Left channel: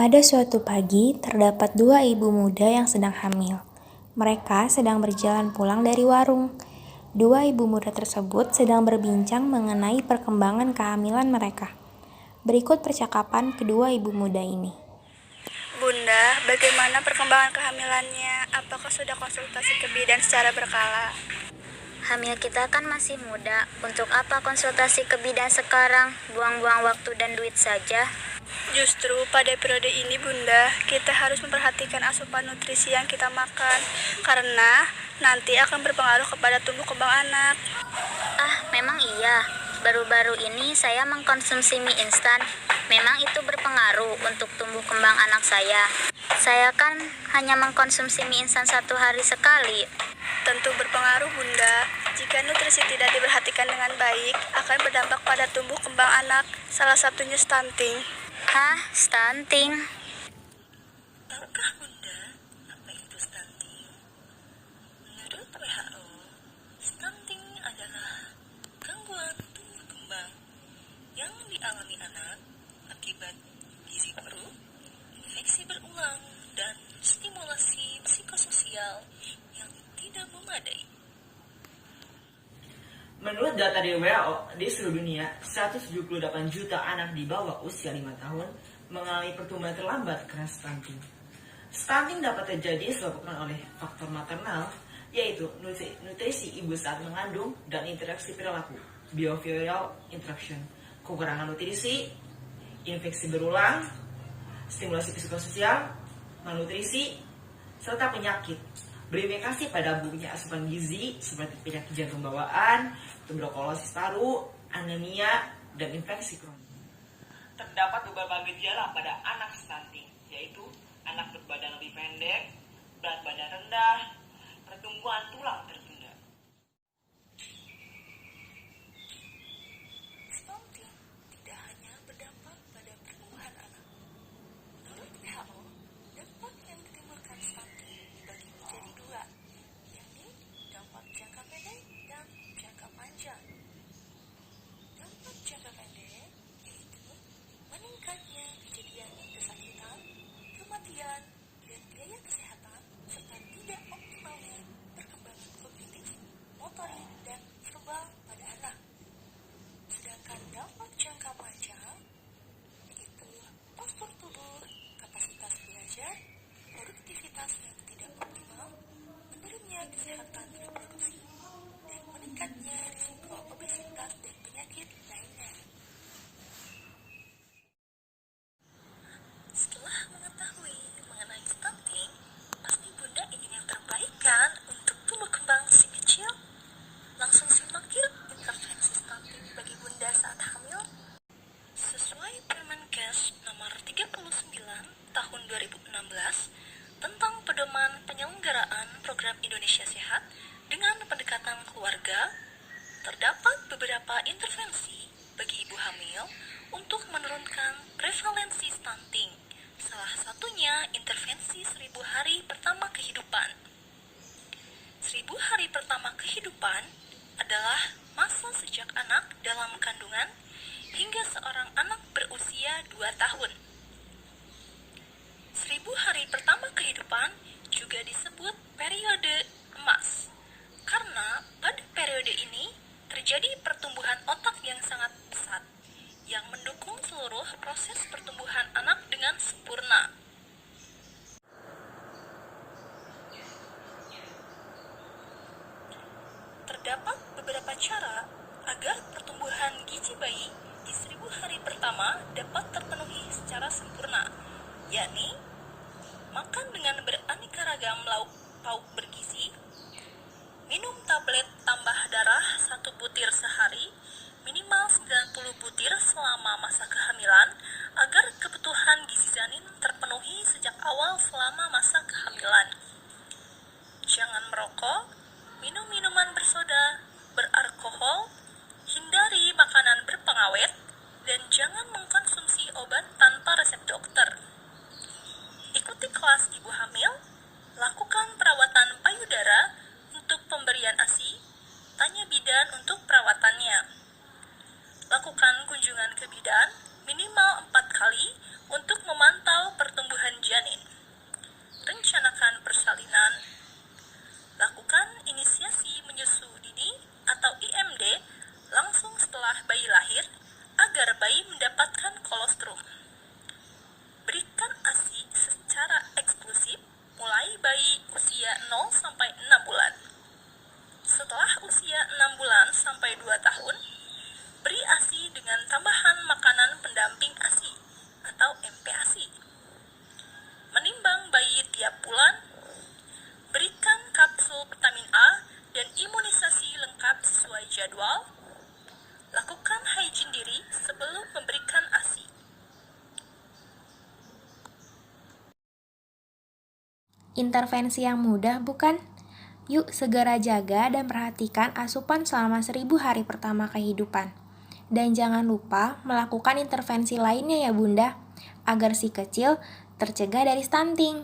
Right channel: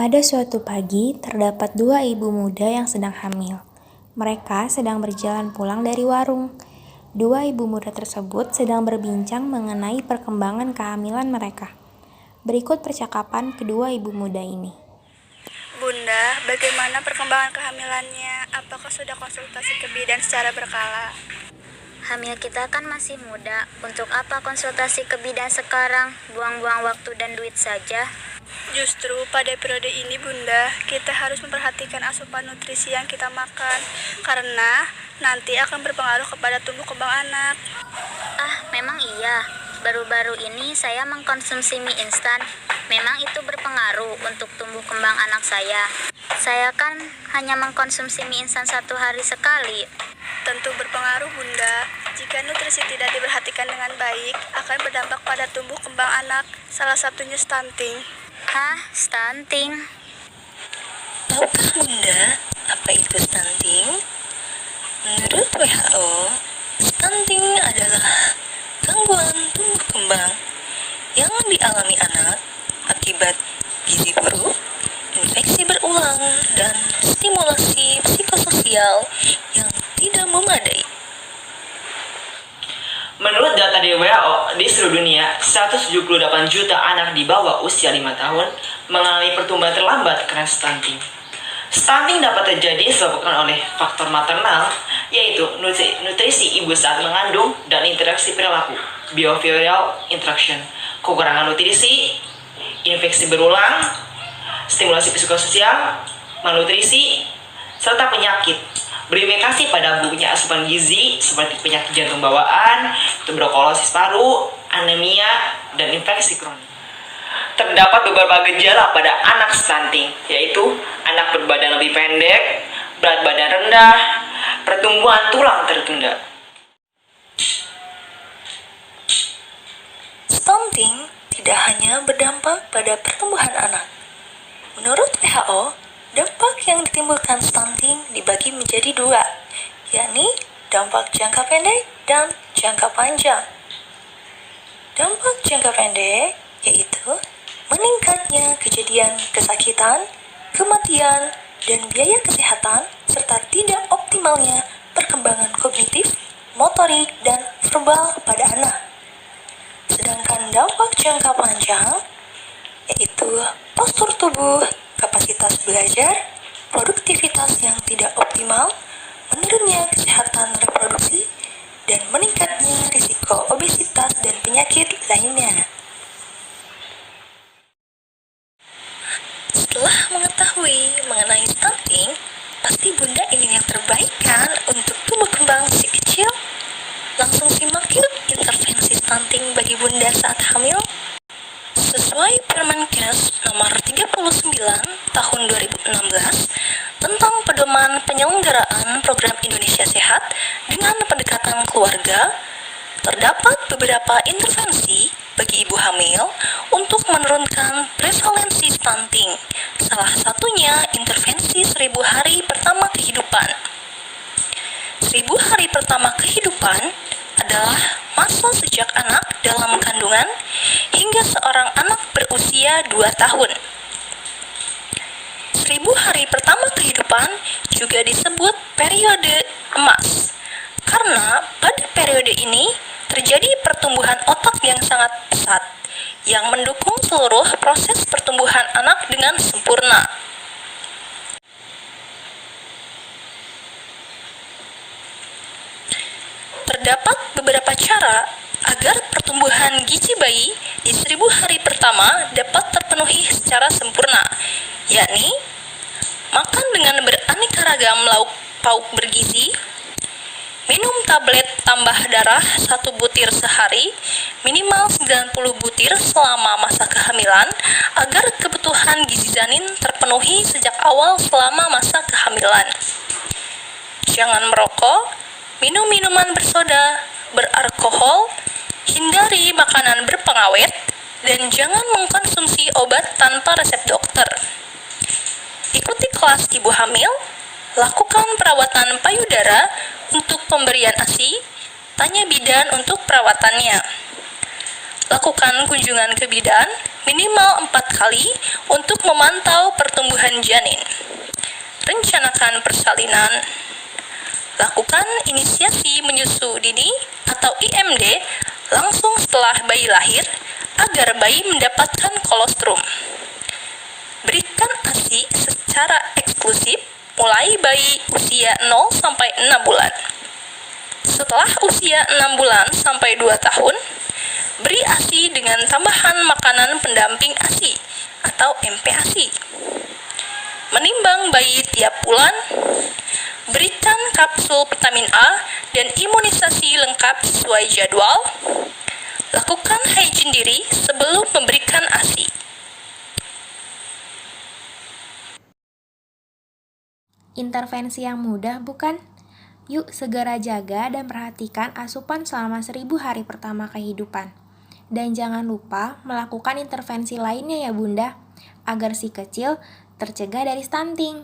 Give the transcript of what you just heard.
Pada suatu pagi, terdapat dua ibu muda yang sedang hamil. Mereka sedang berjalan pulang dari warung. Dua ibu muda tersebut sedang berbincang mengenai perkembangan kehamilan mereka. Berikut percakapan kedua ibu muda ini. Bunda, bagaimana perkembangan kehamilannya? Apakah sudah konsultasi ke bidan secara berkala? Hamil kita kan masih muda. Untuk apa konsultasi ke bidan sekarang? Buang-buang waktu dan duit saja. Justru pada periode ini, Bunda, kita harus memperhatikan asupan nutrisi yang kita makan, karena nanti akan berpengaruh kepada tumbuh kembang anak. Memang iya. Baru-baru ini saya mengkonsumsi mie instan. Memang itu berpengaruh untuk tumbuh kembang anak saya. Saya kan hanya mengkonsumsi mie instan 1 hari sekali. Tentu berpengaruh, Bunda. Jika nutrisi tidak diperhatikan dengan baik, akan berdampak pada tumbuh kembang anak, salah satunya stunting. Stunting? Tahukah Bunda apa itu stunting? Menurut WHO, stunting adalah gangguan tumbuh kembang yang dialami anak akibat gizi buruk, infeksi berulang, dan stimulasi psikososial yang tidak memadai. Menurut data dari WHO, di seluruh dunia, 178 juta anak di bawah usia 5 tahun mengalami pertumbuhan terlambat karena stunting. Stunting dapat terjadi disebabkan oleh faktor maternal, yaitu nutrisi ibu saat mengandung dan interaksi perilaku, behavioral interaction, kekurangan nutrisi, infeksi berulang, stimulasi psikososial, malnutrisi, serta penyakit berimplikasi pada buruknya asupan gizi seperti penyakit jantung bawaan, tuberkulosis paru, anemia, dan infeksi kronis. Terdapat beberapa gejala pada anak stunting, yaitu anak berbadan lebih pendek, berat badan rendah, pertumbuhan tulang tertunda. Stunting tidak hanya berdampak pada pertumbuhan anak. Menurut WHO, dampak yang ditimbulkan stunting dibagi menjadi 2, yakni dampak jangka pendek dan jangka panjang. Dampak jangka pendek yaitu meningkatnya kejadian kesakitan, kematian, dan biaya kesehatan, serta tidak optimalnya perkembangan kognitif, motorik, dan verbal pada anak. Sedangkan dampak jangka panjang yaitu postur tubuh, kapasitas belajar, produktivitas yang tidak optimal, menurunnya kesehatan reproduksi, dan meningkatnya risiko obesitas dan penyakit lainnya. Setelah mengetahui mengenai stunting, pasti Bunda ingin yang terbaik kan untuk tumbuh kembang si kecil? Langsung simak yuk intervensi stunting bagi Bunda saat hamil. Sesuai Permenkes nomor 39 tahun 2016 tentang pedoman penyelenggaraan program Indonesia Sehat dengan pendekatan keluarga, terdapat beberapa intervensi bagi ibu hamil untuk menurunkan prevalensi stunting. Salah satunya intervensi 1000 hari pertama kehidupan. 1000 hari pertama kehidupan adalah masa sejak anak dalam kandungan hingga seorang anak berusia 2 tahun. 1000 hari pertama kehidupan juga disebut periode emas, karena pada periode ini terjadi pertumbuhan otak yang sangat pesat, yang mendukung seluruh proses pertumbuhan anak dengan sempurna. Terdapat beberapa cara agar pertumbuhan gizi bayi di 1000 hari pertama dapat terpenuhi secara sempurna, yakni makan dengan beraneka ragam lauk pauk bergizi, minum tablet tambah darah 1 butir sehari, minimal 90 butir selama masa kehamilan, agar kebutuhan gizi janin terpenuhi sejak awal selama masa kehamilan. Jangan merokok, minum minuman bersoda, beralkohol, hindari makanan berpengawet, dan jangan mengkonsumsi obat tanpa resep dokter. Ikuti kelas ibu hamil, lakukan perawatan payudara untuk pemberian ASI, tanya bidan untuk perawatannya. Lakukan kunjungan ke bidan minimal 4 kali untuk memantau pertumbuhan janin. Rencanakan persalinan. Lakukan inisiasi menyusu dini atau IMD langsung setelah bayi lahir agar bayi mendapatkan kolostrum. Berikan ASI secara eksklusif mulai bayi usia 0 sampai 6 bulan. Setelah usia 6 bulan sampai 2 tahun, beri ASI dengan tambahan makanan pendamping ASI atau MPASI. Menimbang bayi tiap bulan, berikan kapsul vitamin A dan imunisasi lengkap sesuai jadwal. Lakukan hygiene diri sebelum memberikan ASI. Intervensi yang mudah, bukan? Yuk segera jaga dan perhatikan asupan selama 1000 hari pertama kehidupan. Dan jangan lupa melakukan intervensi lainnya ya Bunda, agar si kecil tercegah dari stunting.